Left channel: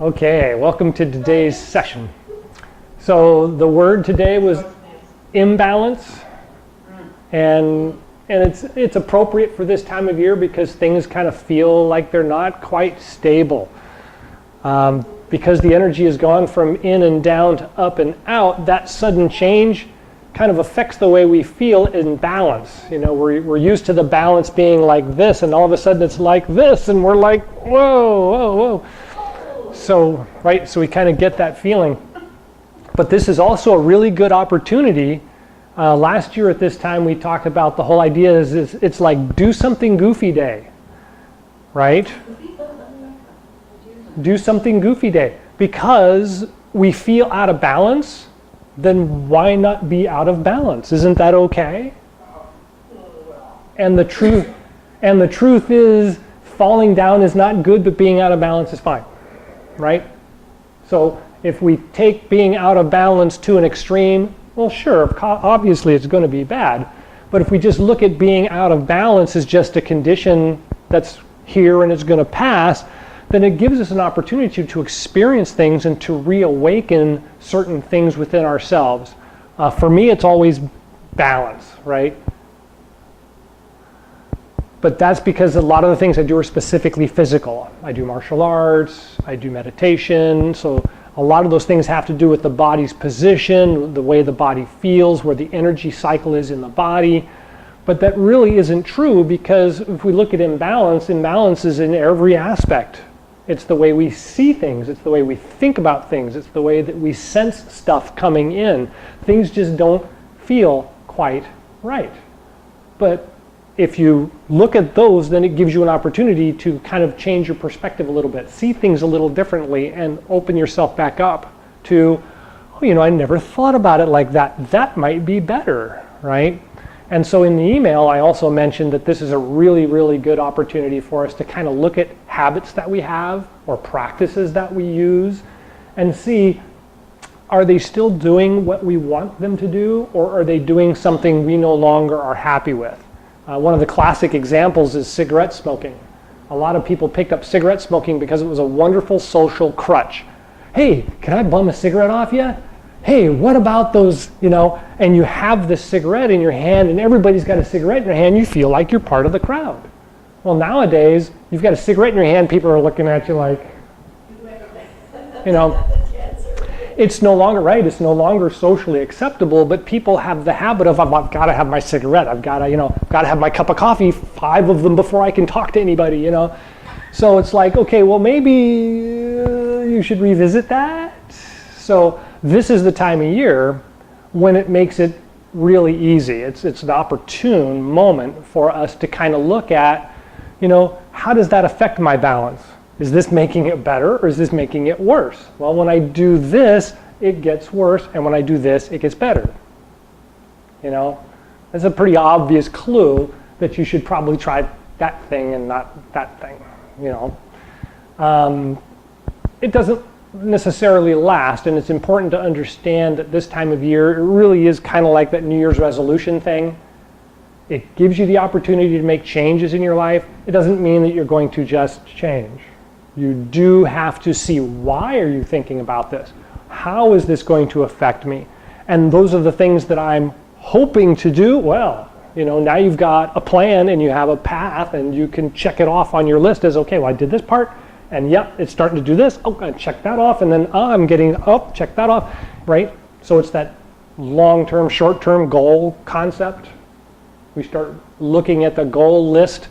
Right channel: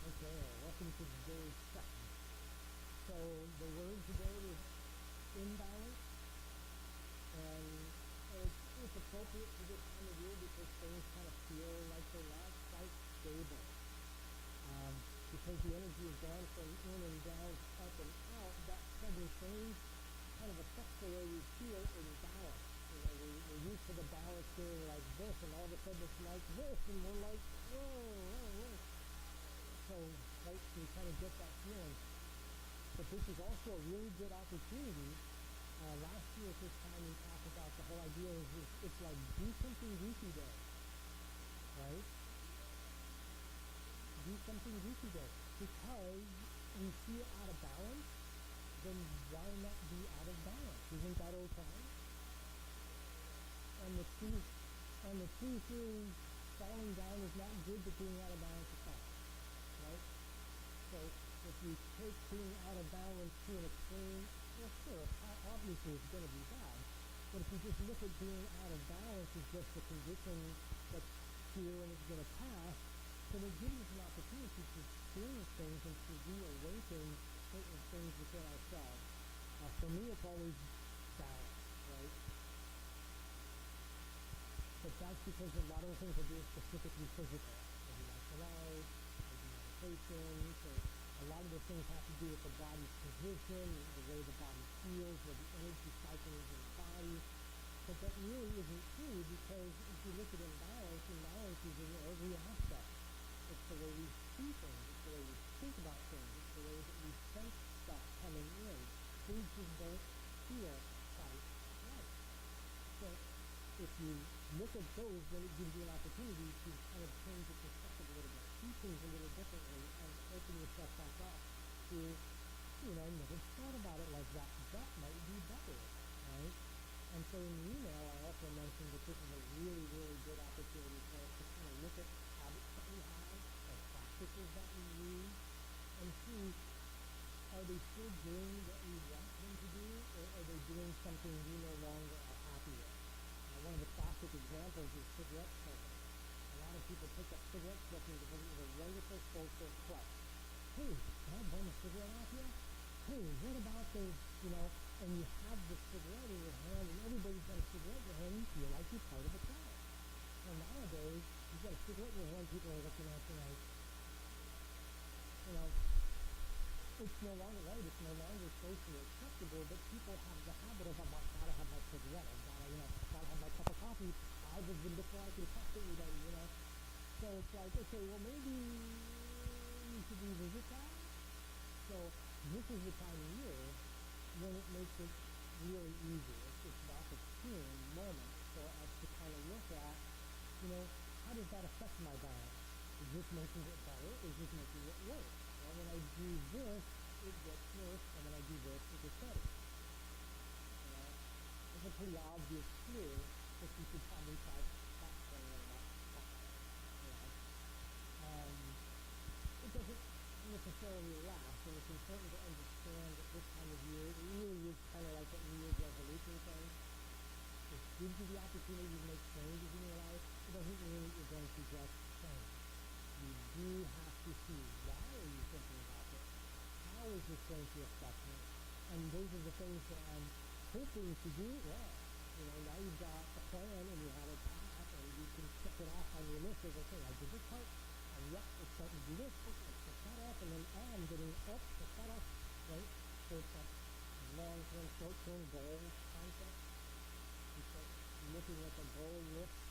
Okay, welcome to today's session. So the word today was imbalance, and it's appropriate for this time of year because things kind of feel like they're not quite stable. Because the energy has gone from in and down to up and out, that sudden change kind of affects the way we feel in balance. You know, we're used to the balance being like this, and all of a sudden it's like this, and we're like, whoa, whoa, whoa. So, right, so we kind of get that feeling. But this is also a really good opportunity. Last year at this time we talked about the whole idea is it's like do something goofy day, right? Do something goofy day. Because we feel out of balance, then why not be out of balance? Isn't that okay? And the truth is falling down is not good, but being out of balance is fine. Right? So if we take being out of balance to an extreme, well, sure, obviously it's going to be bad. But if we just look at being out of balance as just a condition that's here and it's going to pass, then it gives us an opportunity to experience things and to reawaken certain things within ourselves. For me, it's always balance, right? But that's because a lot of the things I do are specifically physical. I do martial arts, I do meditation, so a lot of those things have to do with the body's position, the way the body feels, where the energy cycle is in the body. But that really isn't true because if we look at imbalance, imbalance is in every aspect. It's the way we see things, it's the way we think about things, it's the way that we sense stuff coming in. Things just don't feel quite right. But if you look at those, then it gives you an opportunity to kind of change your perspective a little bit, see things a little differently, and open yourself back up to, oh, you know, I never thought about it like that. That might be better, right? And so in the email, I also mentioned that this is a really, really good opportunity for us to kind of look at habits that we have or practices that we use and see, are they still doing what we want them to do, or are they doing something we no longer are happy with? One of the classic examples is cigarette smoking. A lot of people picked up cigarette smoking because it was a wonderful social crutch. Hey, can I bum a cigarette off you? Hey, what about those, you know, and you have this cigarette in your hand and everybody's got a cigarette in their hand, you feel like you're part of the crowd. Well, nowadays, you've got a cigarette in your hand, people are looking at you like, you know, it's no longer right, it's no longer socially acceptable, but people have the habit of, I've got to have my cigarette, I've got to, you know, got to have my cup of coffee, 5 of them before I can talk to anybody, you know. So it's like, okay, well maybe you should revisit that. So this is the time of year when it makes it really easy. It's an opportune moment for us to kind of look at, you know, how does that affect my balance? Is this making it better or is this making it worse? Well, when I do this, it gets worse, and when I do this, it gets better. You know, that's a pretty obvious clue that you should probably try that thing and not that thing, you know. It doesn't necessarily last, and it's important to understand that this time of year, it really is kind of like that New Year's resolution thing. It gives you the opportunity to make changes in your life. It doesn't mean that you're going to just change. You do have to see, why are you thinking about this? How is this going to affect me? And those are the things that I'm hoping to do. Well, you know, now you've got a plan and you have a path and you can check it off on your list as, okay, well, I did this part and yep, it's starting to do this. Oh, I check that off, and then I'm getting up, check that off, right? So it's that long-term, short-term goal concept. We start looking at the goal list,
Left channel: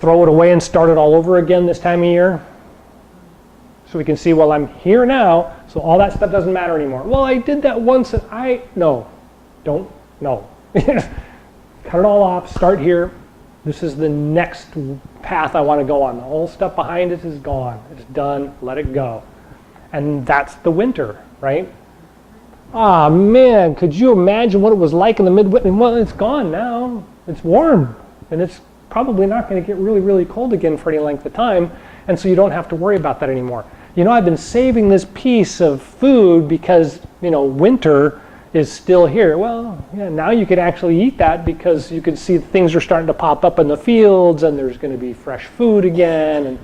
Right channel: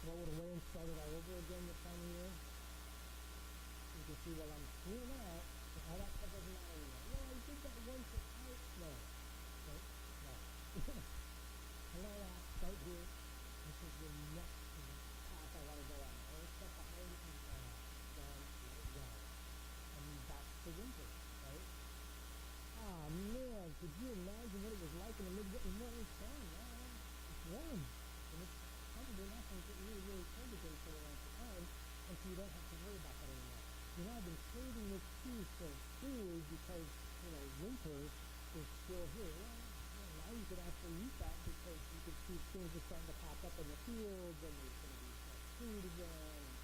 throw it away and start it all over again this time of year. So we can see, well, I'm here now, so all that stuff doesn't matter anymore. Well, I did that once and no. Cut it all off, start here. This is the next path I want to go on. The whole stuff behind it is gone. It's done, let it go. And that's the winter, right? Ah, man, could you imagine what it was like in the midwinter? Well, it's gone now. It's warm, and it's probably not going to get really, really cold again for any length of time, and so you don't have to worry about that anymore. You know, I've been saving this piece of food because, you know, winter is still here. Well, yeah, now you can actually eat that because you can see things are starting to pop up in the fields and there's going to be fresh food again,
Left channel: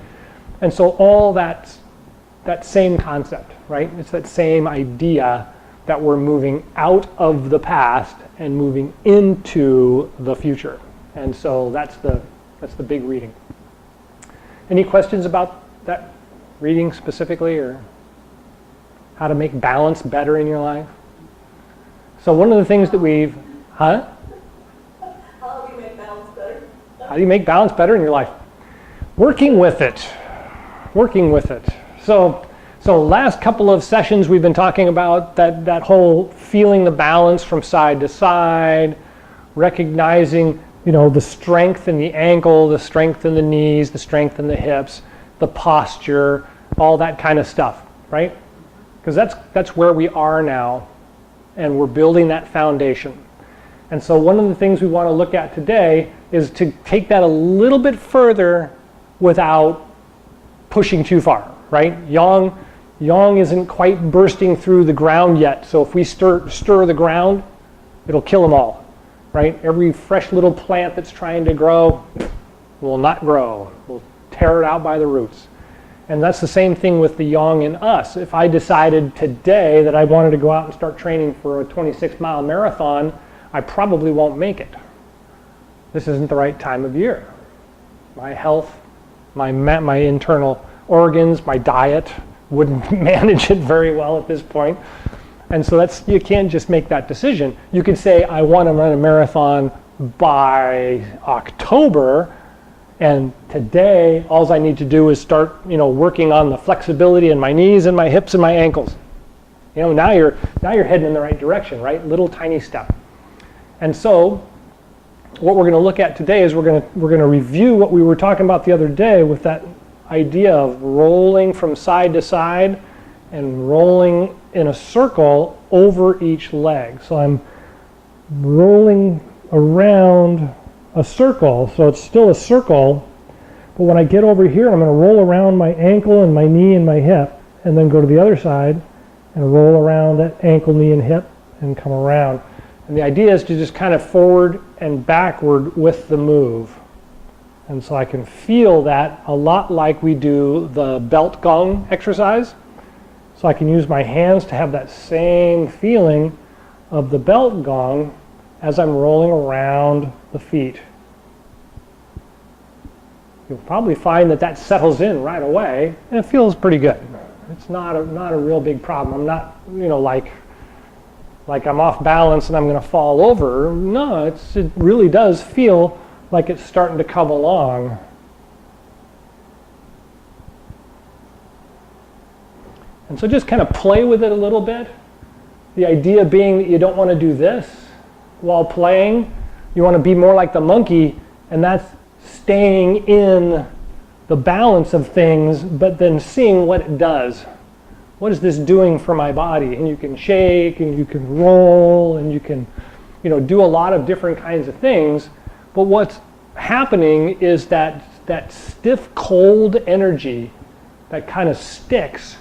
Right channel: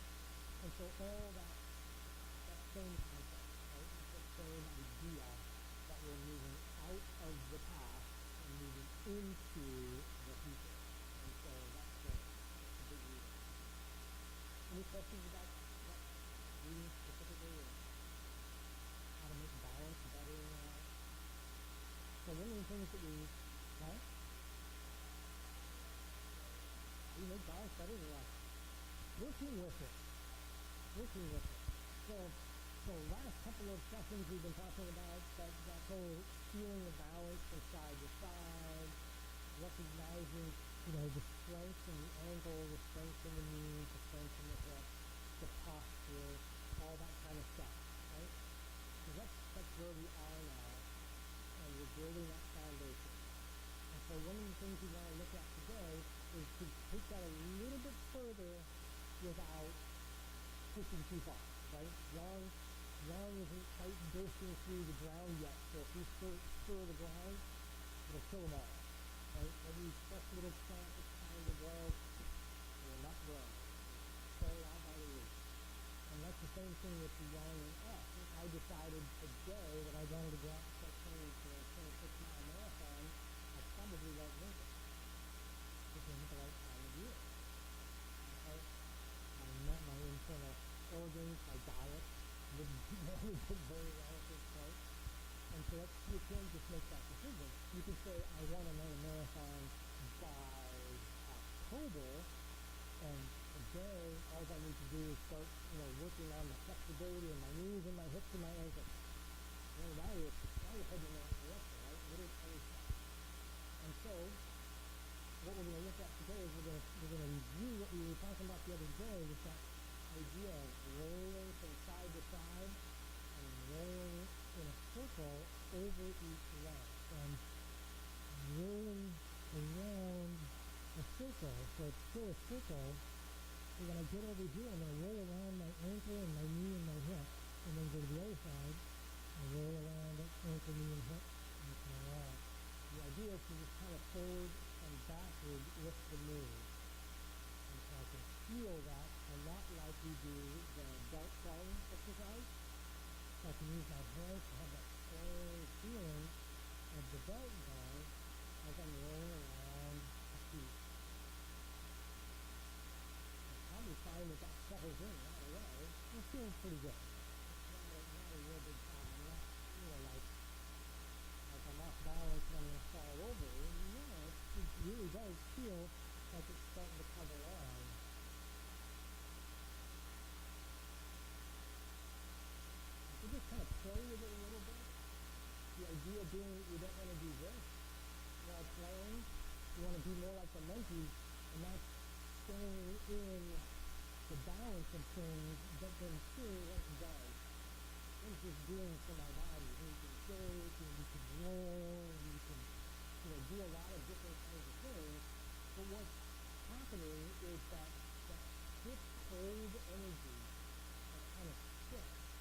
and so all that that same concept, right? It's that same idea that we're moving out of the past and moving into the future. And so that's the big reading. Any questions about that reading specifically, or how to make balance better in your life? So one of the things that we've, How do you make balance better? How do you make balance better in your life? Working with it. Working with it. So last couple of sessions we've been talking about that whole feeling the balance from side to side, recognizing, the strength in the ankle, the strength in the knees, the strength in the hips, the posture, all that kind of stuff, right? Because that's where we are now, and we're building that foundation. And so one of the things we want to look at today is to take that a little bit further without pushing too far, right? Yang isn't quite bursting through the ground yet, so if we stir the ground, it'll kill them all, right? Every fresh little plant that's trying to grow will not grow. We'll tear it out by the roots. And that's the same thing with the yang in us. If I decided today that I wanted to go out and start training for a 26-mile marathon, I probably won't make it. This isn't the right time of year. My health, my internal organs, my diet wouldn't manage it very well at this point. And so you can't just make that decision. You can say, I want to run a marathon by October, and today all I need to do is start, working on the flexibility in my knees and my hips and my ankles. Now you're heading in the right direction, right? Little tiny step. And so what we're going to look at today is we're going to review what we were talking about the other day with that idea of rolling from side to side and rolling in a circle over each leg. So I'm rolling around a circle, so it's still a circle, but when I get over here, I'm going to roll around my ankle and my knee and my hip, and then go to the other side and roll around that ankle, knee, and hip, and come around. And the idea is to just kind of forward and backward with the move. And so I can feel that a lot like we do the belt gong exercise. So I can use my hands to have that same feeling of the belt gong as I'm rolling around the feet. You'll probably find that settles in right away, and it feels pretty good. It's not a real big problem. I'm not, like I'm off balance and I'm going to fall over. No, it really does feel like it's starting to come along. And so just kind of play with it a little bit. The idea being that you don't want to do this while playing. You want to be more like the monkey, and that's staying in the balance of things, but then seeing what it does. What is this doing for my body? And you can shake, and you can roll, and you can, do a lot of different kinds of things. But what's happening is that stiff, cold energy that kind of sticks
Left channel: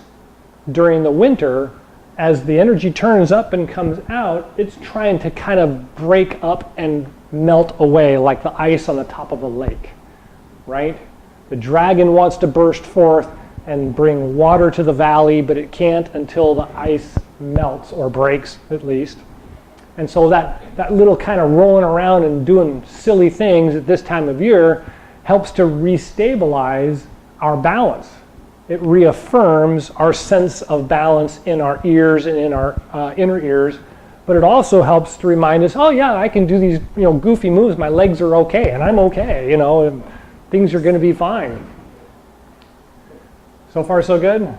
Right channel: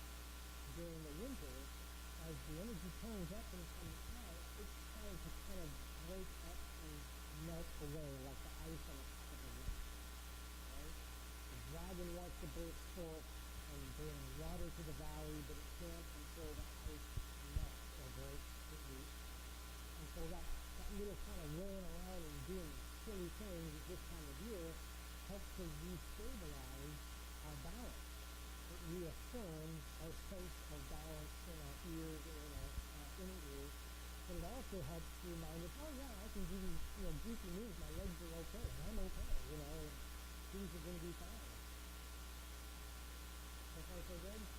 during the winter, as the energy turns up and comes out, it's trying to kind of break up and melt away like the ice on the top of a lake, right? The dragon wants to burst forth and bring water to the valley, but it can't until the ice melts or breaks at least. And so that little kind of rolling around and doing silly things at this time of year helps to restabilize our balance. It reaffirms our sense of balance in our ears and in our inner ears, but it also helps to remind us, oh yeah, I can do these goofy moves, my legs are okay, and I'm okay, and things are going to be fine. So far so good?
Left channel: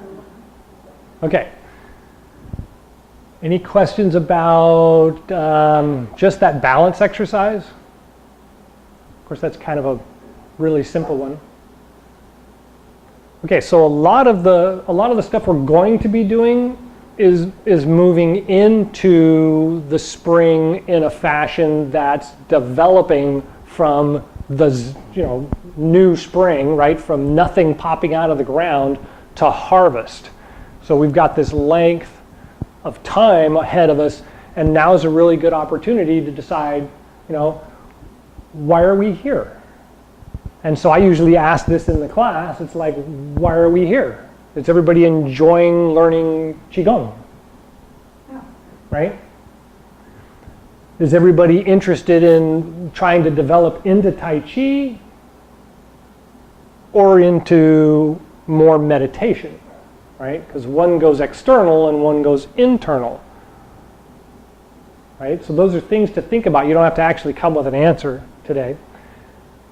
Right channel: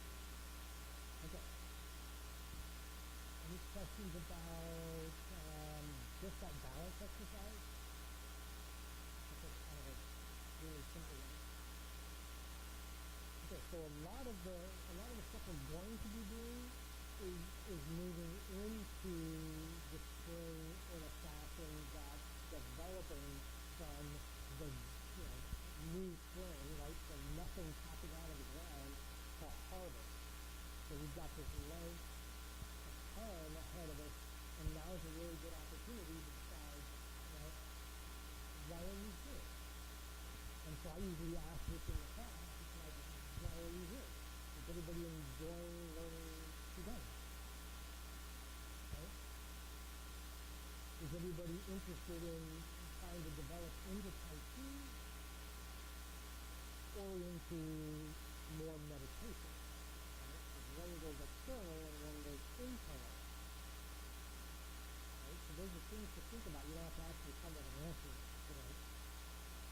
Okay. Any questions about just that balance exercise? Of course, that's kind of a really simple one. Okay, so a lot of the stuff we're going to be doing is moving into the spring in a fashion that's developing from the new spring, right? From nothing popping out of the ground to harvest. So we've got this length of time ahead of us, and now is a really good opportunity to decide, why are we here? And so I usually ask this in the class. It's like, why are we here? Is everybody enjoying learning Chi Gung? Yeah. Right? Is everybody interested in trying to develop into Tai Chi or into more meditation? Right? Because one goes external and one goes internal. Right? So those are things to think about. You don't have to actually come with an answer today.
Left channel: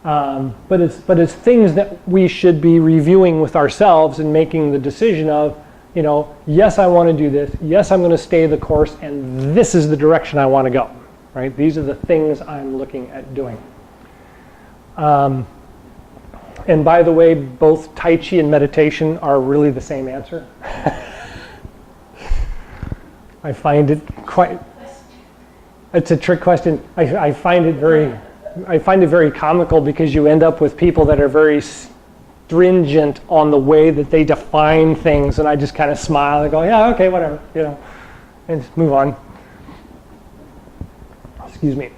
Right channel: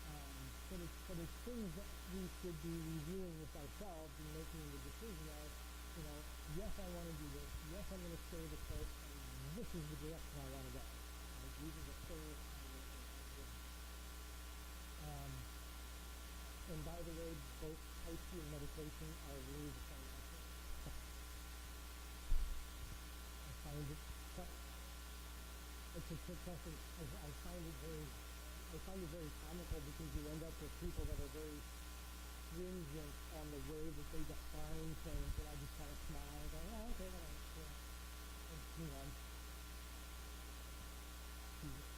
But it's things that we should be reviewing with ourselves and making the decision of, you know, yes, I want to do this. Yes, I'm going to stay the course, and this is the direction I want to go. Right? These are the things I'm looking at doing. And by the way, both Tai Chi and meditation are really the same answer. I find it quite. It's a trick question. I find it very comical because you end up with people that are very stringent on the way that they define things, and I just kind of smile and go, yeah, okay, whatever, you know, and just move on. Excuse me.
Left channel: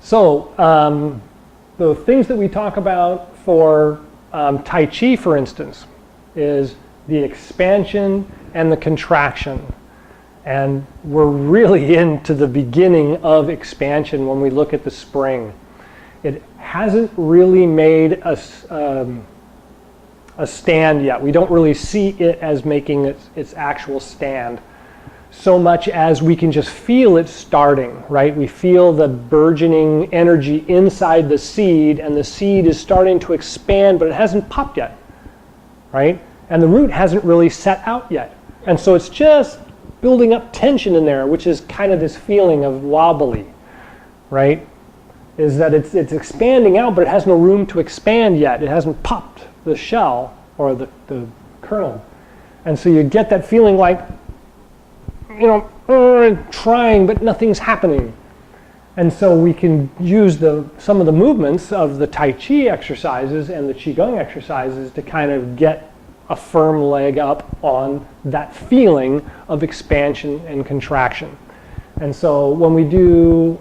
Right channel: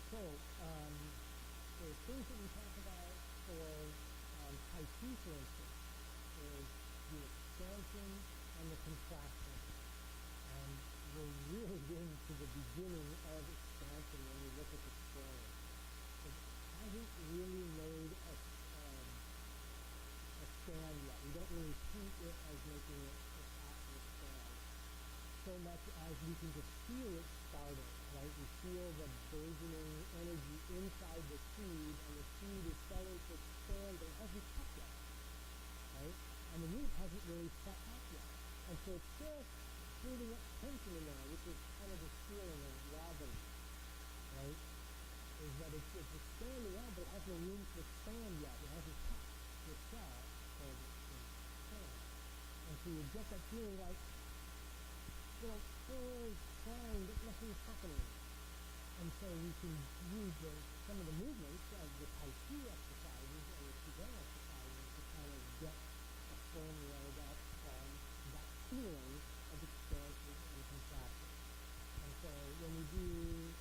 So the things that we talk about for Tai Chi, for instance, is the expansion and the contraction. And we're really into the beginning of expansion when we look at the spring. It hasn't really made a stand yet. We don't really see it as making its actual stand so much as we can just feel it starting, right? We feel the burgeoning energy inside the seed, and the seed is starting to expand, but it hasn't popped yet, right? And the root hasn't really set out yet. And so it's just building up tension in there, which is kind of this feeling of wobbly, right? Is that it's expanding out, but it has no room to expand yet. It hasn't popped the shell or the kernel. And so you get that feeling like, you know, trying, but nothing's happening. And so we can use some of the movements of the Tai Chi exercises and the Chi Gung exercises to kind of get a firm leg up on that feeling of expansion and contraction. And so when we do,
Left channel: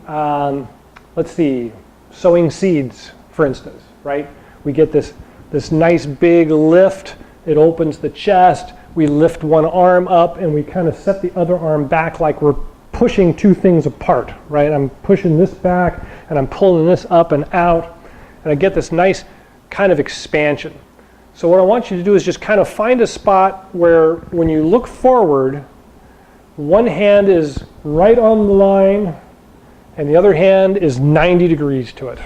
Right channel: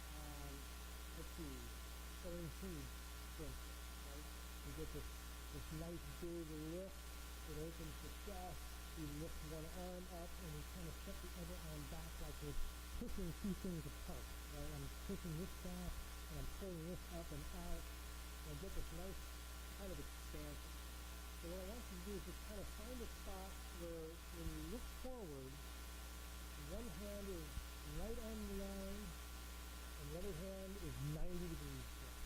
let's see, sowing seeds, for instance, right? We get this nice big lift. It opens the chest. We lift one arm up and we kind of set the other arm back like we're pushing two things apart, right? I'm pushing this back and I'm pulling this up and out, and I get this nice kind of expansion. So what I want you to do is just kind of find a spot where when you look forward, one hand is right on the line and the other hand is 90 degrees to it.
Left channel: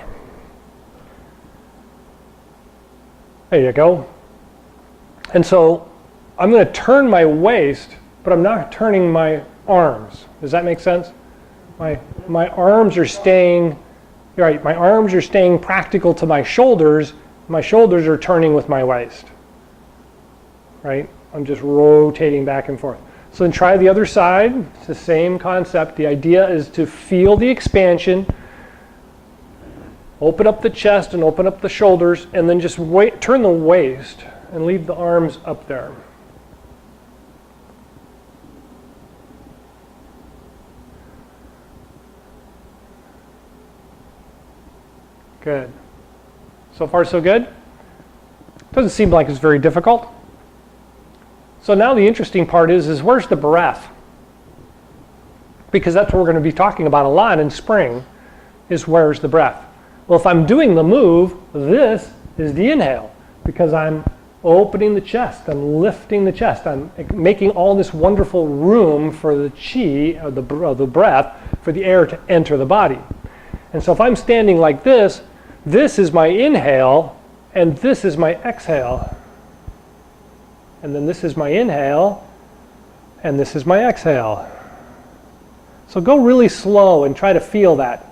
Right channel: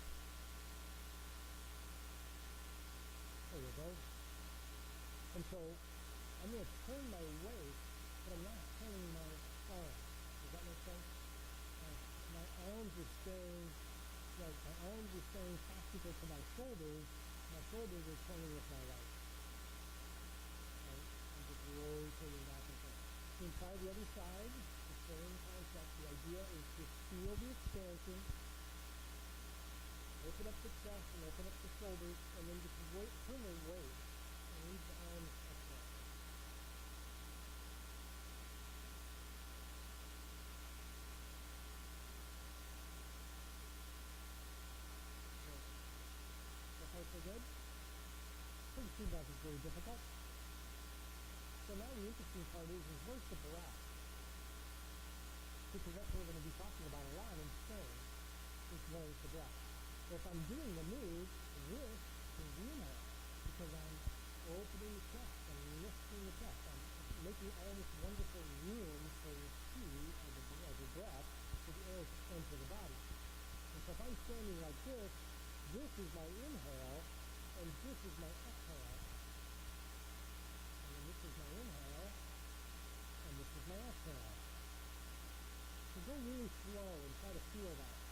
There you go. And so I'm going to turn my waist, but I'm not turning my arms. Does that make sense? My arms are staying, right, my arms are staying practical to my shoulders. My shoulders are turning with my waist, right? I'm just rotating back and forth. So then try the other side. It's the same concept. The idea is to feel the expansion, open up the chest and open up the shoulders, and then just turn the waist and leave the arms up there. Good. So far, so good? Doesn't seem like it's very difficult. So now the interesting part is where's the breath? Because that's what we're going to be talking about a lot in spring, is where's the breath? Well, if I'm doing the move, this is the inhale, because I'm opening the chest, I'm lifting the chest, I'm making all this wonderful room for the chi, or the breath, for the air to enter the body. And so if I'm standing like this is my inhale, and this is my exhale. And then this is my inhale, and this is my exhale. So go really slow and try to feel that.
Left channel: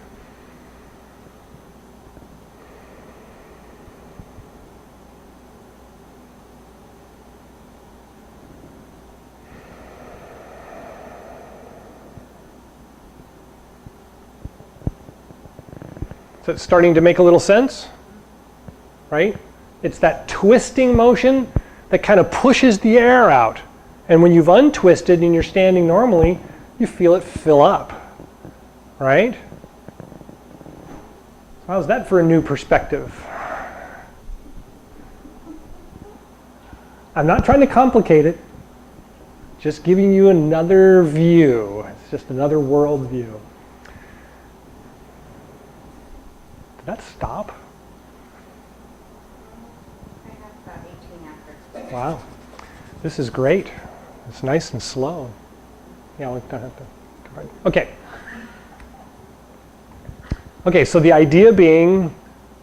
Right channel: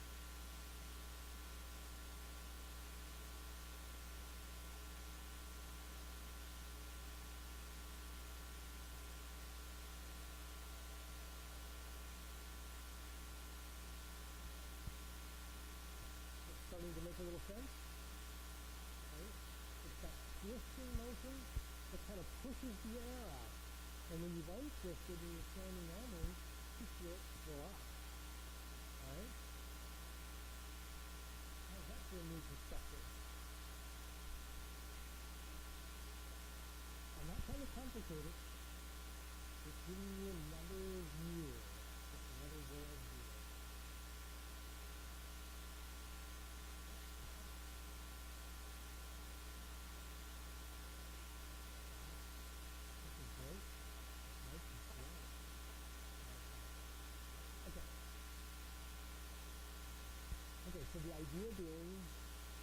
So it's starting to make a little sense, right? It's that twisting motion that kind of pushes the air out. And when you've untwisted and you're standing normally, you feel it fill up, right? How's that for a new perspective? I'm not trying to complicate it, just giving you another view. It's just another world view. Did that stop? I have about 18 after. Wow. This is great. It's nice and slow. Yeah, we don't have to. Okay. Okay, so the idea being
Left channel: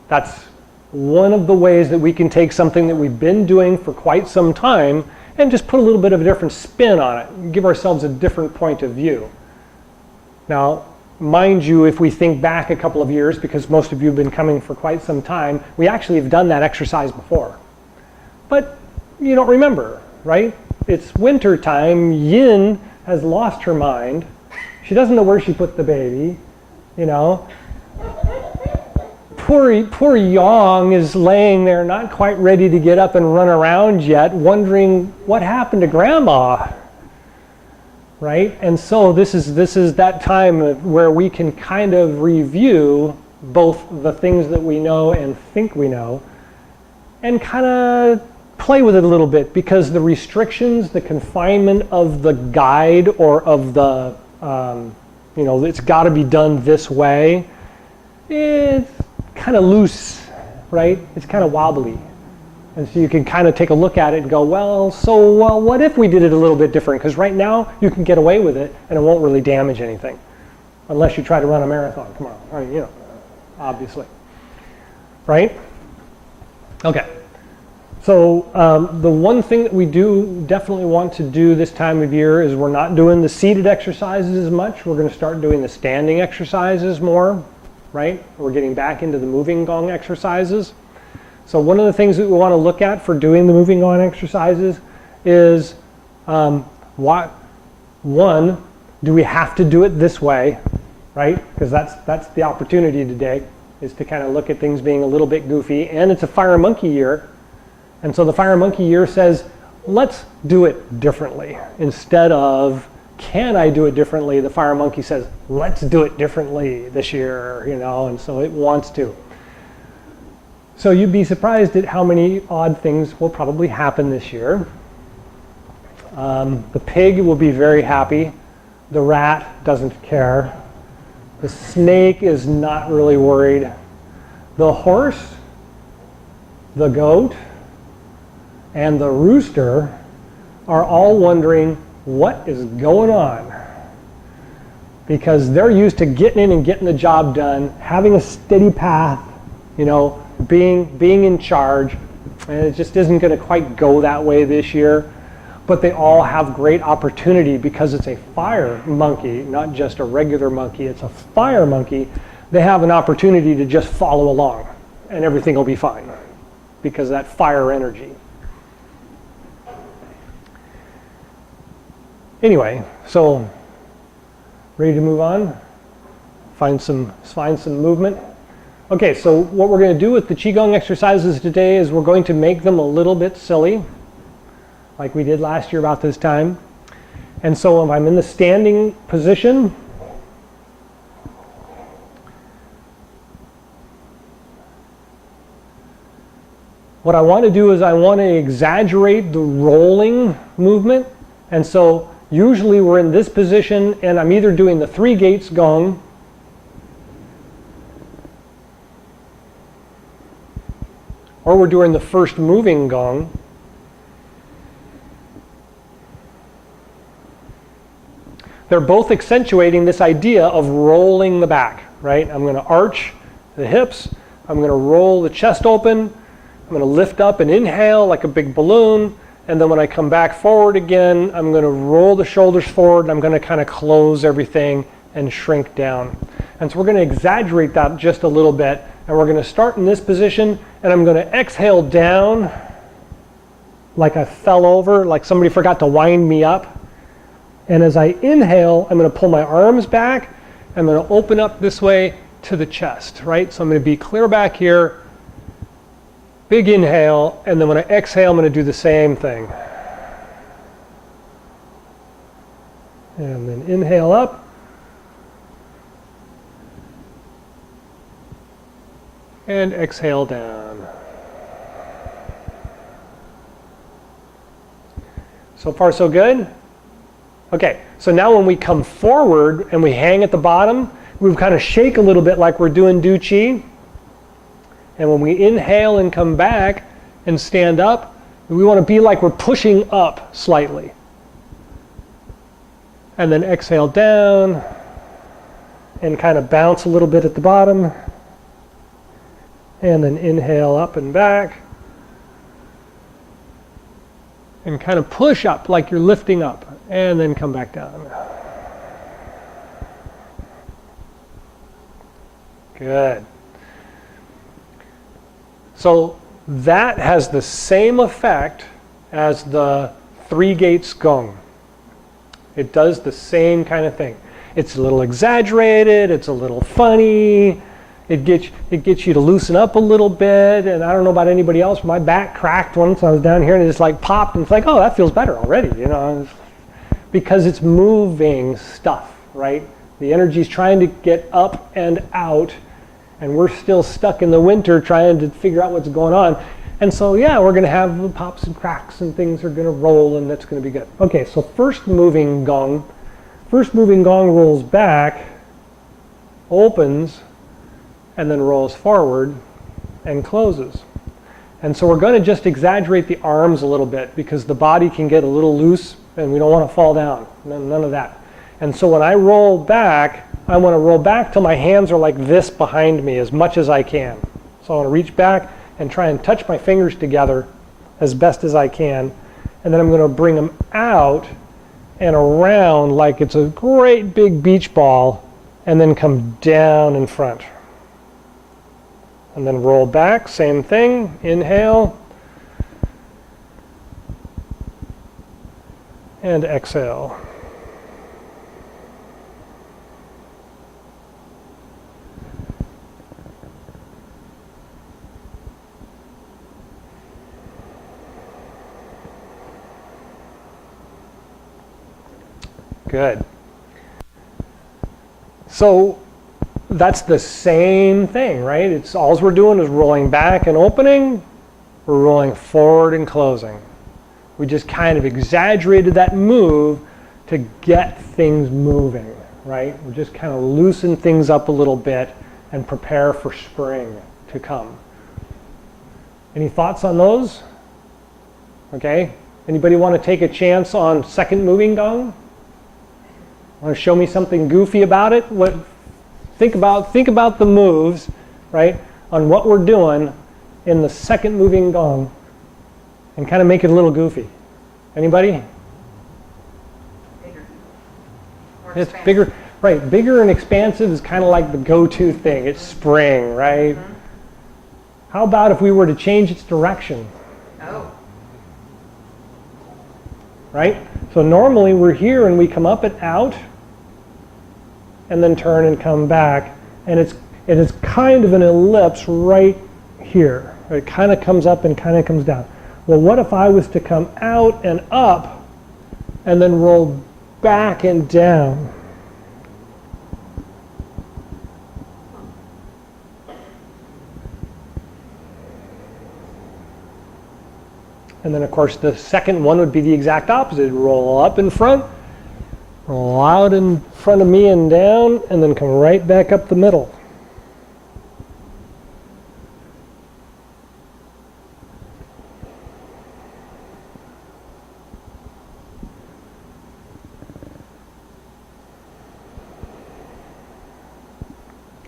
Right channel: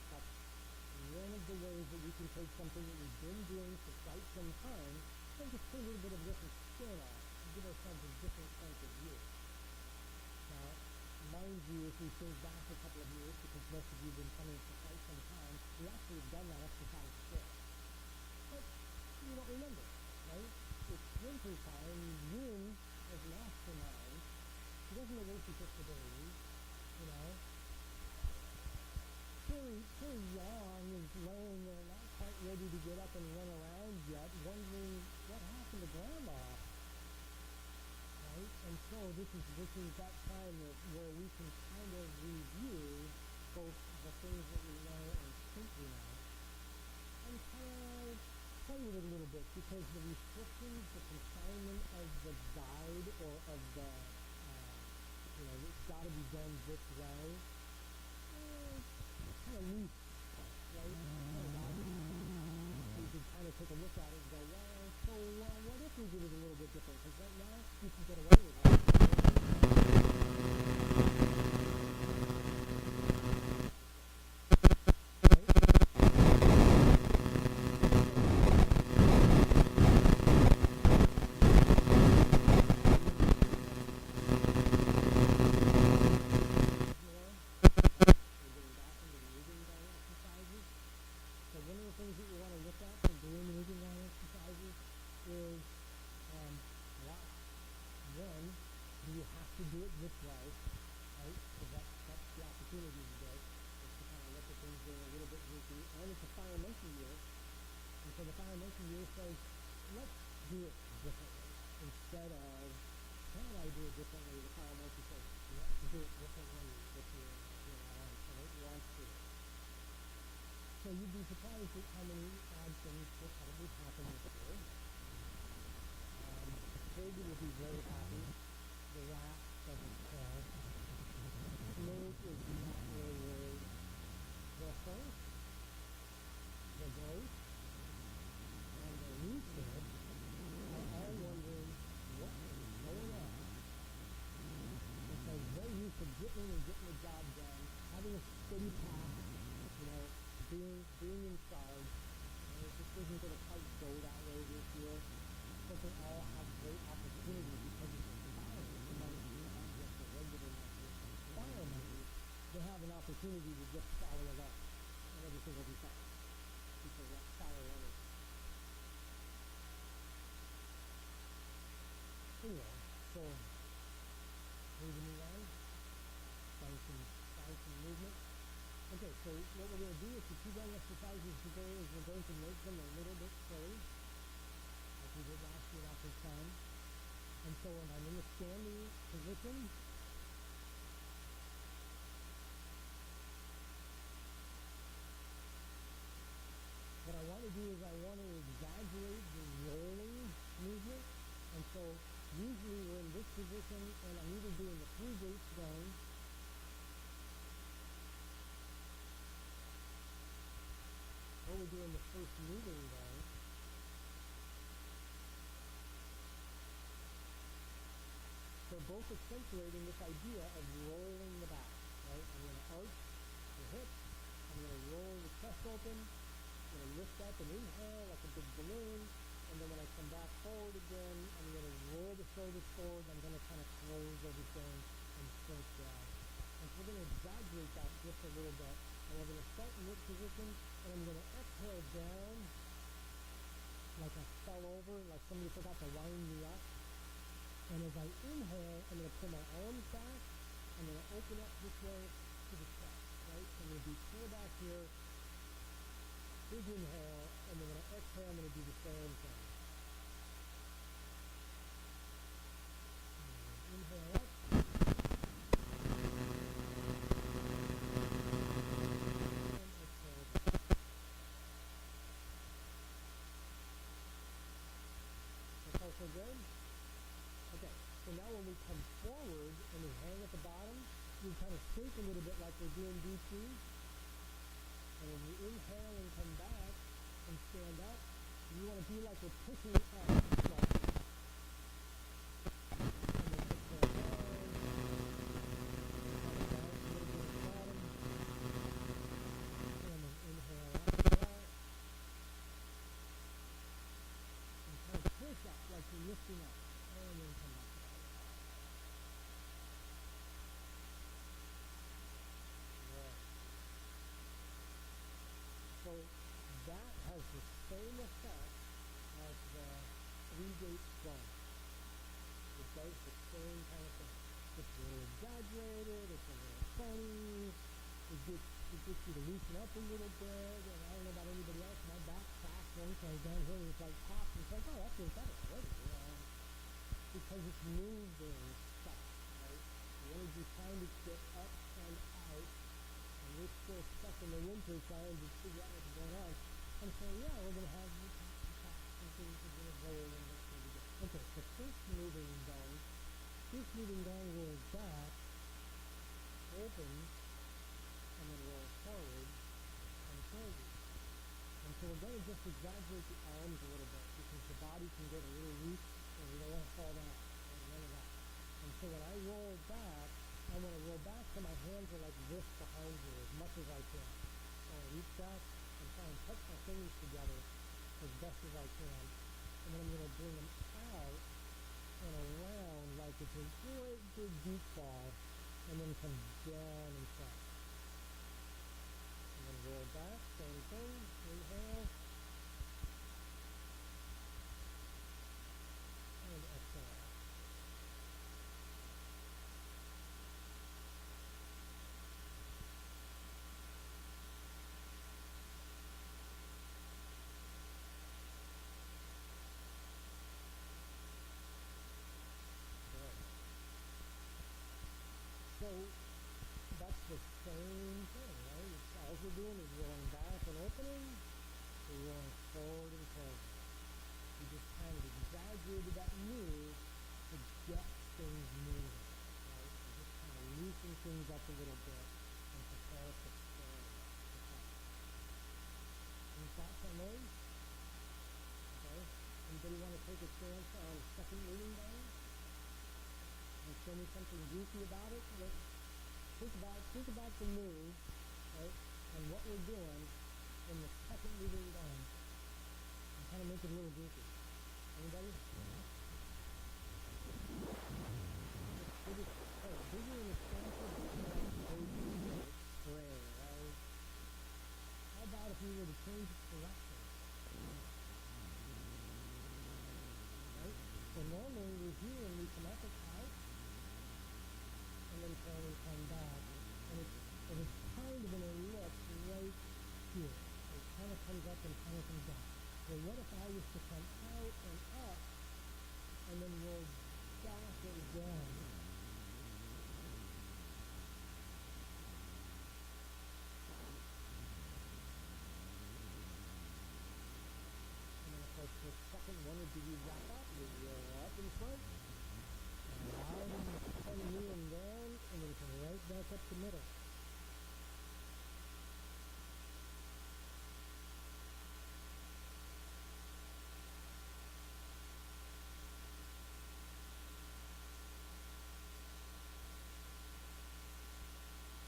that's one of the ways that we can take something that we've been doing for quite some time and just put a little bit of a different spin on it, give ourselves a different point of view. Now, mind you, if we think back a couple of years, because most of you have been coming for quite some time, we actually have done that exercise before. But you don't remember, right? It's winter time. Yin has lost her mind. She doesn't know where she put the baby, you know. Poor Yang is laying there not quite ready to get up and run around yet, wondering what happened to Grandma, right? And so this is that time where we can kind of review both the things that we know and think we know and kind of play with it a little bit, because the restrictions, the confinement of the guide or of the, it's got to be done this way, it's kind of loose, right? It's kind of wobbly. And so you can kind of take a look at it and go, well, what if we did it a little bit different? Because right now you can get away with it and it won't really damage anything. Unless you try to run a marathon tomorrow. I mean, obviously. Right? Okay. So the one thing that we do definitely want to do this time of year is we're not doing the seated exercises as much. We're going to start doing the standing exercises more, right? We're getting back into the moving gong exercises. So one of the things that we want to look at for doing the moving gong exercises is one, do we have to do it this way, right? Because that's the opportunity today, is to kind of look at things being a little bit goofy. And it's a fire monkey year. And so the fire monkey year says, let's do it differently. Instead of, can I do it differently? The fire monkey says, let's do it differently this year, and so it wants to. So you'd be surprised at how many odd things will probably happen this year. The pig will be very happy. The rat doesn't care. The snake is not really worried. The horse, the goat, and the rooster are all wondering what is going on, because they're used to getting in and getting the job done, having a steady path, being in charge, and it just isn't going to quite go that way this year. But they all have great opportunity because it's a fire monkey, not just a regular monkey. It's a fire monkey. They have an opportunity to just follow along, and everything will be fine because of that fire energy. Anyway, so ready to move on? Find some movement. Okay, so what we're going to do with the Chi Gung exercises today is we're going to make them a little bit silly, like we did last year about this time. And so if I'm in the standing position, what I want to do is I want to exaggerate the rolling movement. And so usually we're in this position and I'm either doing the 3 gates gong, or we're doing the first moving gong. They're both accentuating this idea of rolling the back, right? I'm going to arch the hips. I'm going to roll the chest open. I'm going to lift up and inhale like a big balloon. And then when I come back forward again, I'm going to roll the shoulders forward, and I'm going to kind of close everything and shrink down. And so we're going to exaggerate that just a little bit. And we're going to start in this position, and I'm going to exhale down like I fell over, like somebody forgot to wind me up. And as I inhale, I'm going to pull my arms back. I'm going to open up this way to the chest, right? So I'm going to be clear back here. Big inhale, and then when I exhale, I'm going to do the same thing. And then inhale up. And exhale down. So far so good? Okay, so now when we come forward and we hang at the bottom, we kind of shake a little bit like we're doing Du Chi. And when we inhale and come back and stand up, we want to be like we're pushing up slightly. And then exhale down and kind of bounce a little bit at the bottom. And then inhale up and back. And kind of push up like you're lifting up, and then come back down. Good. So that has the same effect as the 3 gates gong. It does the same kind of thing. It's a little exaggerated, it's a little funny, it gets you to loosen up a little bit, and I don't know about anybody else, my back cracked once I was down here and it just like popped, and it's like, oh, that feels better already, you know, because it's moving stuff, right? The energy's trying to get up and out, and we're still stuck in the winter trying to figure out what's going on. And so, yeah, we're going to have pops and cracks, and things are going to roll, and that's going to be good. Okay, so first moving gong rolls back, opens, and then rolls forward and closes. And so we're going to just exaggerate the arms a little bit because the body can get a little loose and we don't want to fall down. None of that. And so when I roll back, I want to roll back till my hands are like this behind me as much as I can. So I want to reach back and try and touch my fingers together as best as I can. And then I'm going to bring them out and around like it's a great big beach ball, and then come down in front. And then roll back, same thing, inhale, and exhale. Good. So that's the same thing, right? It's all we're doing is rolling back and opening. We're rolling forward and closing. We just kind of exaggerated that move to get things moving, right? We just kind of loosen things up a little bit and prepare for spring to come. Any thoughts on those? Okay. Anybody want to take a chance on second moving gong? Want to show me something goofy about it? Think about the moves, right, on what we're doing in the second moving gong, and kind of make it a little goofy. Anybody? Bigger. It's bigger, right? Bigger and expansive is kind of like the go-to thing. It's spring, right? Mm-hmm. How about if we were to change its direction? Oh. Right? So normally we're here and we come up and out, and then turn and come back, and it is kind of an ellipse right here. It kind of comes up and kind of comes down. Well, what if I was to come out and up, and then roll back and down? And then, of course, the second one would be the exact opposite. Roll up in front, roll out in front of me and down, and then come right back up the middle.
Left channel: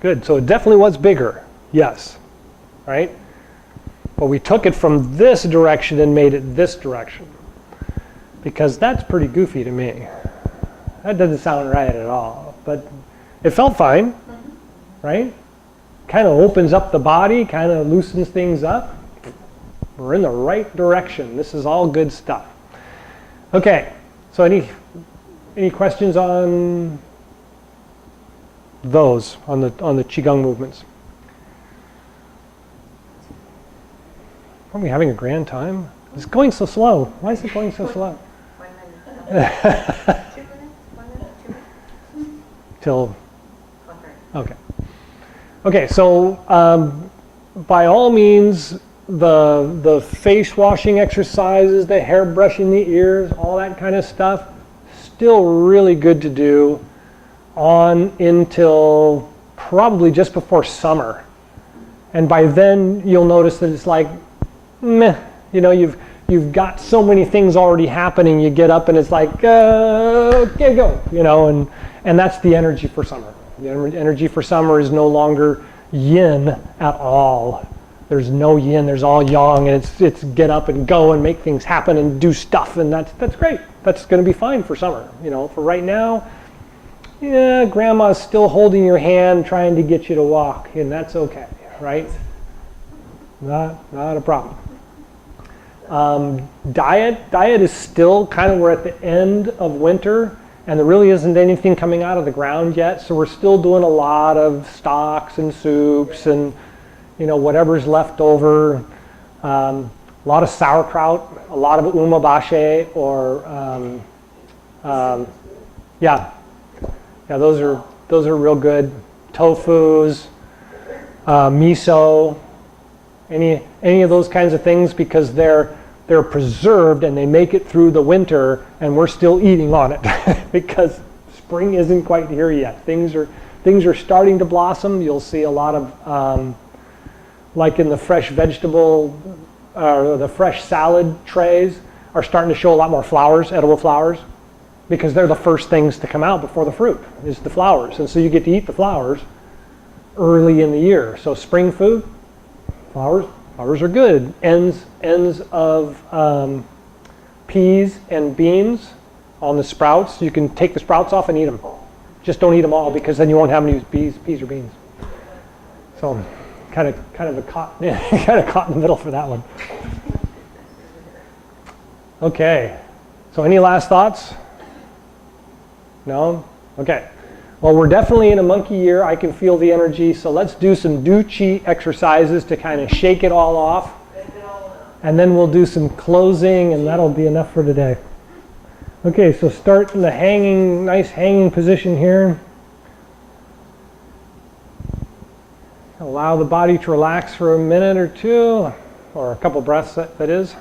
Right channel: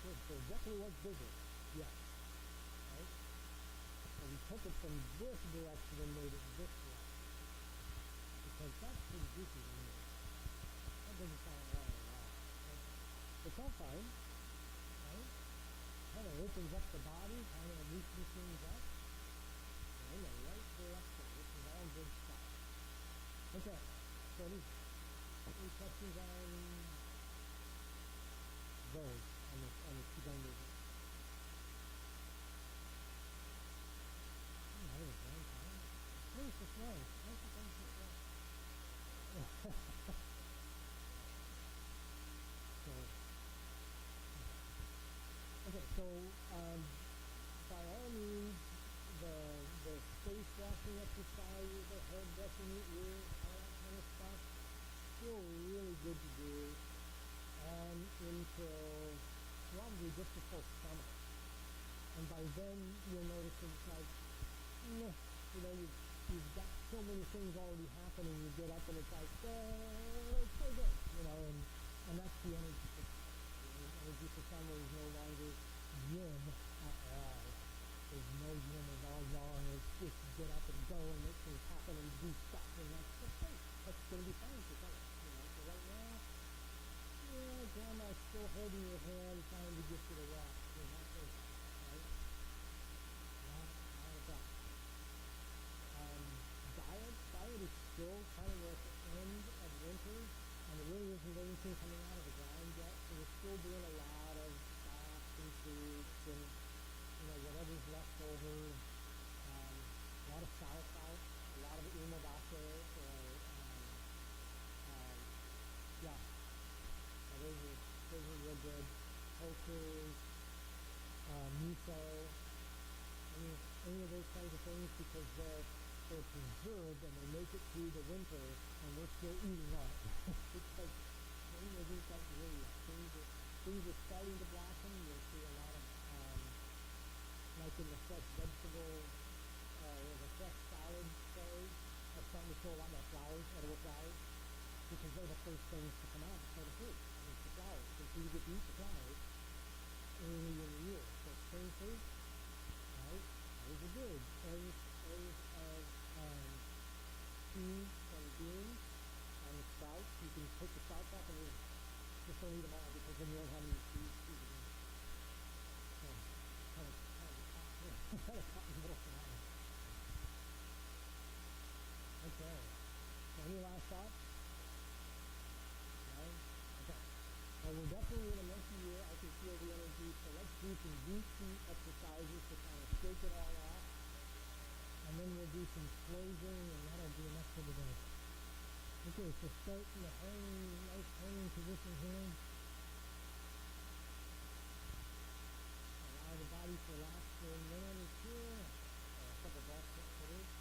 Good, so it definitely was bigger, yes, right? But we took it from this direction and made it this direction, because that's pretty goofy to me. That doesn't sound right at all, but it felt fine, right? Kind of opens up the body, kind of loosens things up. We're in the right direction. This is all good stuff. Okay, so any questions on those, on the Chi Gung movements? Are we having a grand time? It's going so slow. Why is it going so slow? 1 minute. 2 minutes? 1 minute? 2 minutes? Till, 1:30. okay. Okay, so by all means, the face washing exercises, the hair brushing the ears, all that kind of stuff, still really good to do on until probably just before summer. And by then you'll notice that it's like, meh, you've got so many things already happening. You get up and it's like, okay, go, and that's the energy for summer. The energy for summer is no longer yin at all. There's no yin, there's all yang, and it's get up and go and make things happen and do stuff, and that's great. That's going to be fine for summer. For right now, yeah, grandma's still holding your hand trying to get you to walk, and that's okay, right? Not a problem. Diet is still kind of, we're at the end of winter, and there really isn't anything coming out of the ground yet, so we're still doing a lot of stocks and soups and whatever's left over. A lot of sauerkraut, a lot of umeboshi, or those are real good. Tofus, miso, any of those kinds of things, because they're preserved and they make it through the winter, and we're still eating on it because spring isn't quite here yet. Things are starting to blossom. You'll see a lot of like in the fresh vegetable or the fresh salad trays are starting to show a lot more flowers, edible flowers, because they're the first things to come out before the fruit is the flowers. And so you get to eat the flowers early in the year. So spring food, flowers are good. Ends of peas and beans on the sprouts. You can take the sprouts off and eat them. Just don't eat them all, because then you won't have any peas or beans. So kind of caught in the middle for that one. Okay, so any last thoughts? No? Okay. Well, we're definitely in a monkey year. I can feel the energy, so let's do some Du Chi exercises to kind of shake it all off. And then we'll do some closing, and that'll be enough for today. Okay, so start in the nice hanging position here. Allow the body to relax for a minute or two, or a couple breaths, that is.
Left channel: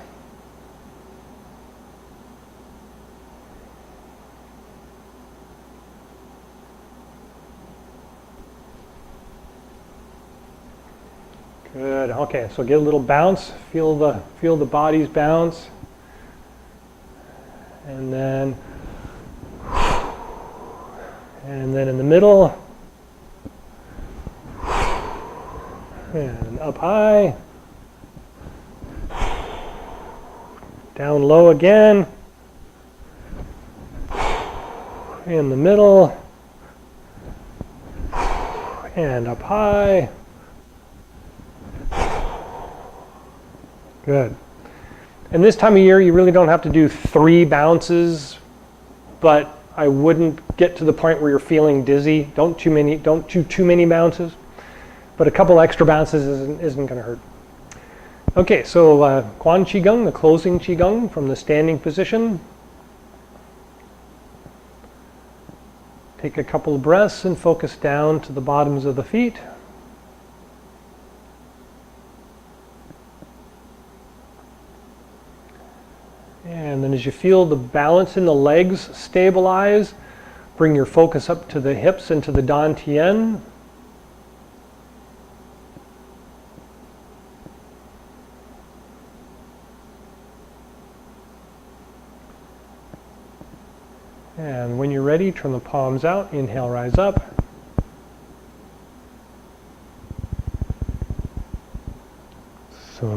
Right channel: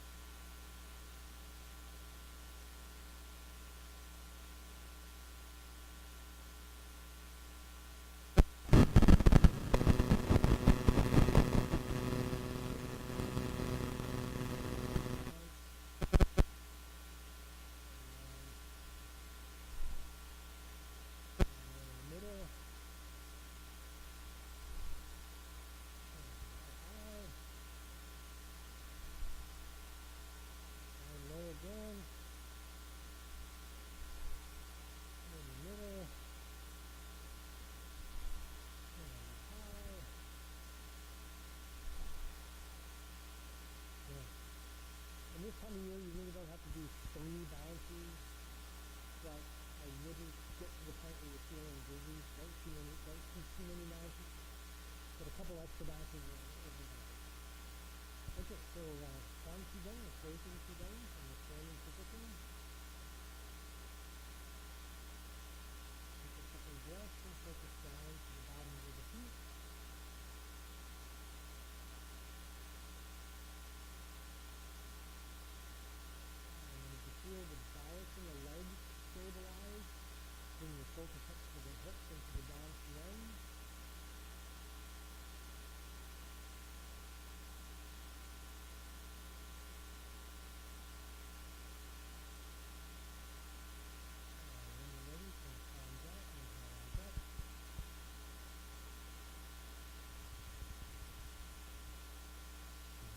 Good. Okay, so get a little bounce. Feel the body's bounce, and then in the middle. And up high, down low again, in the middle, and up high. Good. And this time of year, you really don't have to do 3 bounces, but I wouldn't get to the point where you're feeling dizzy. Don't do too many bounces. But a couple extra bounces isn't going to hurt. Okay, so Quan Chi Gung, the closing Chi Gung from the standing position. Take a couple of breaths and focus down to the bottoms of the feet. And then as you feel the balance in the legs stabilize, bring your focus up to the hips and to the dantian. And when you're ready, turn the palms out. Inhale, rise up. So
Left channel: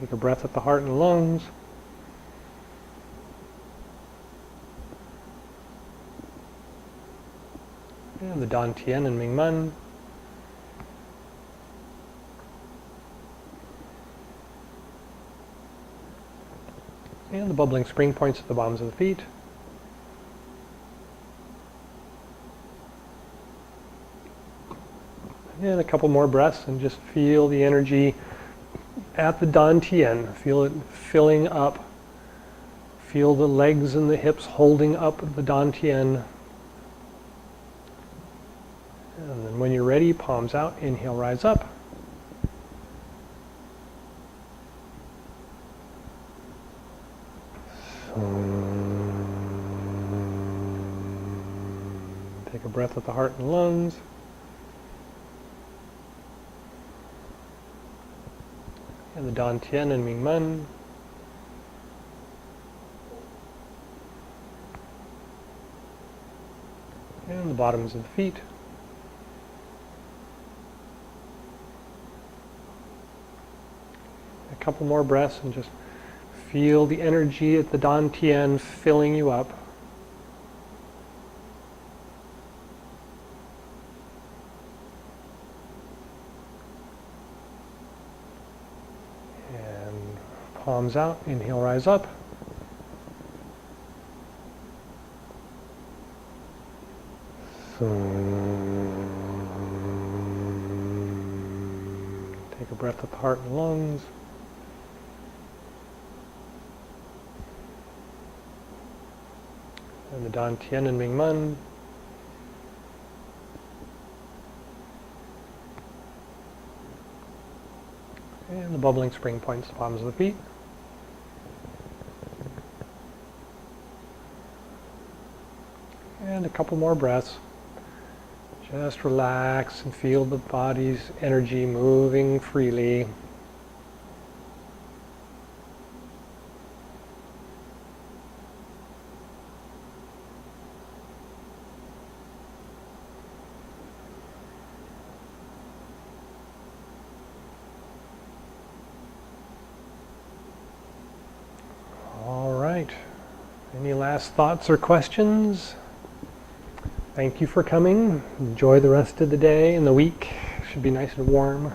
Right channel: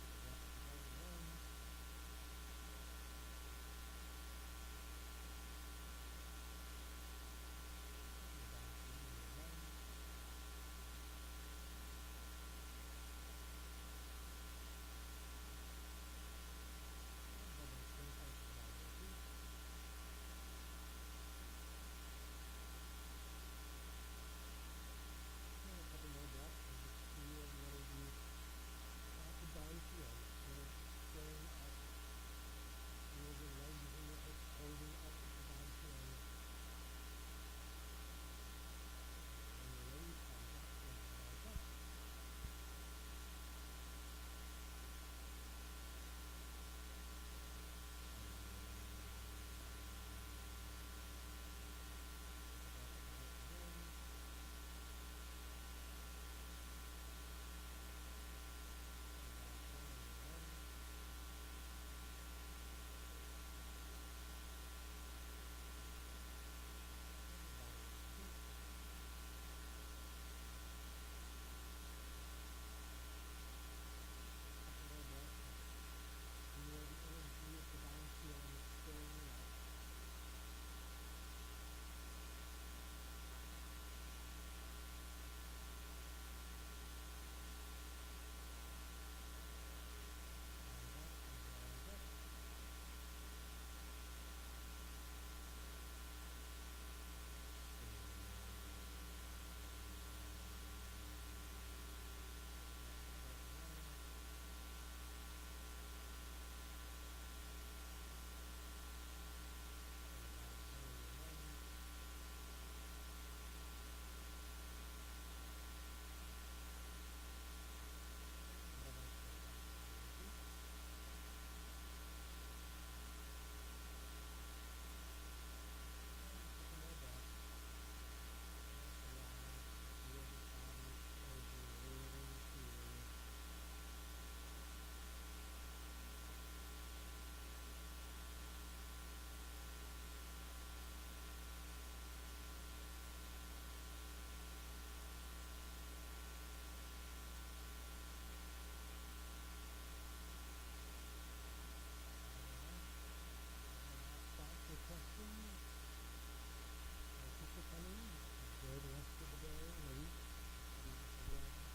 take a breath at the heart and lungs. And the dantian and Mingmen. And the bubbling spring points at the bottoms of the feet. And a couple more breaths, and just feel the energy at the dantian. Feel it filling up. Feel the legs and the hips holding up the dantian. And then when you're ready, palms out, inhale, rise up. Take a breath with the heart and lungs. And the Dantian and Mingmen. And the bottoms of the feet. A couple more breaths and just feel the energy at the Dantian filling you up. And palms out, inhale, rise up. Take a breath with the heart and lungs. And the Dantian and Mingmen. And the bubbling spring points, the palms of the feet. And a couple more breaths. Just relax and feel the body's energy moving freely. All right. Any last thoughts or questions? Thank you for coming. Enjoy the rest of the day and the week. Should be nice and warm.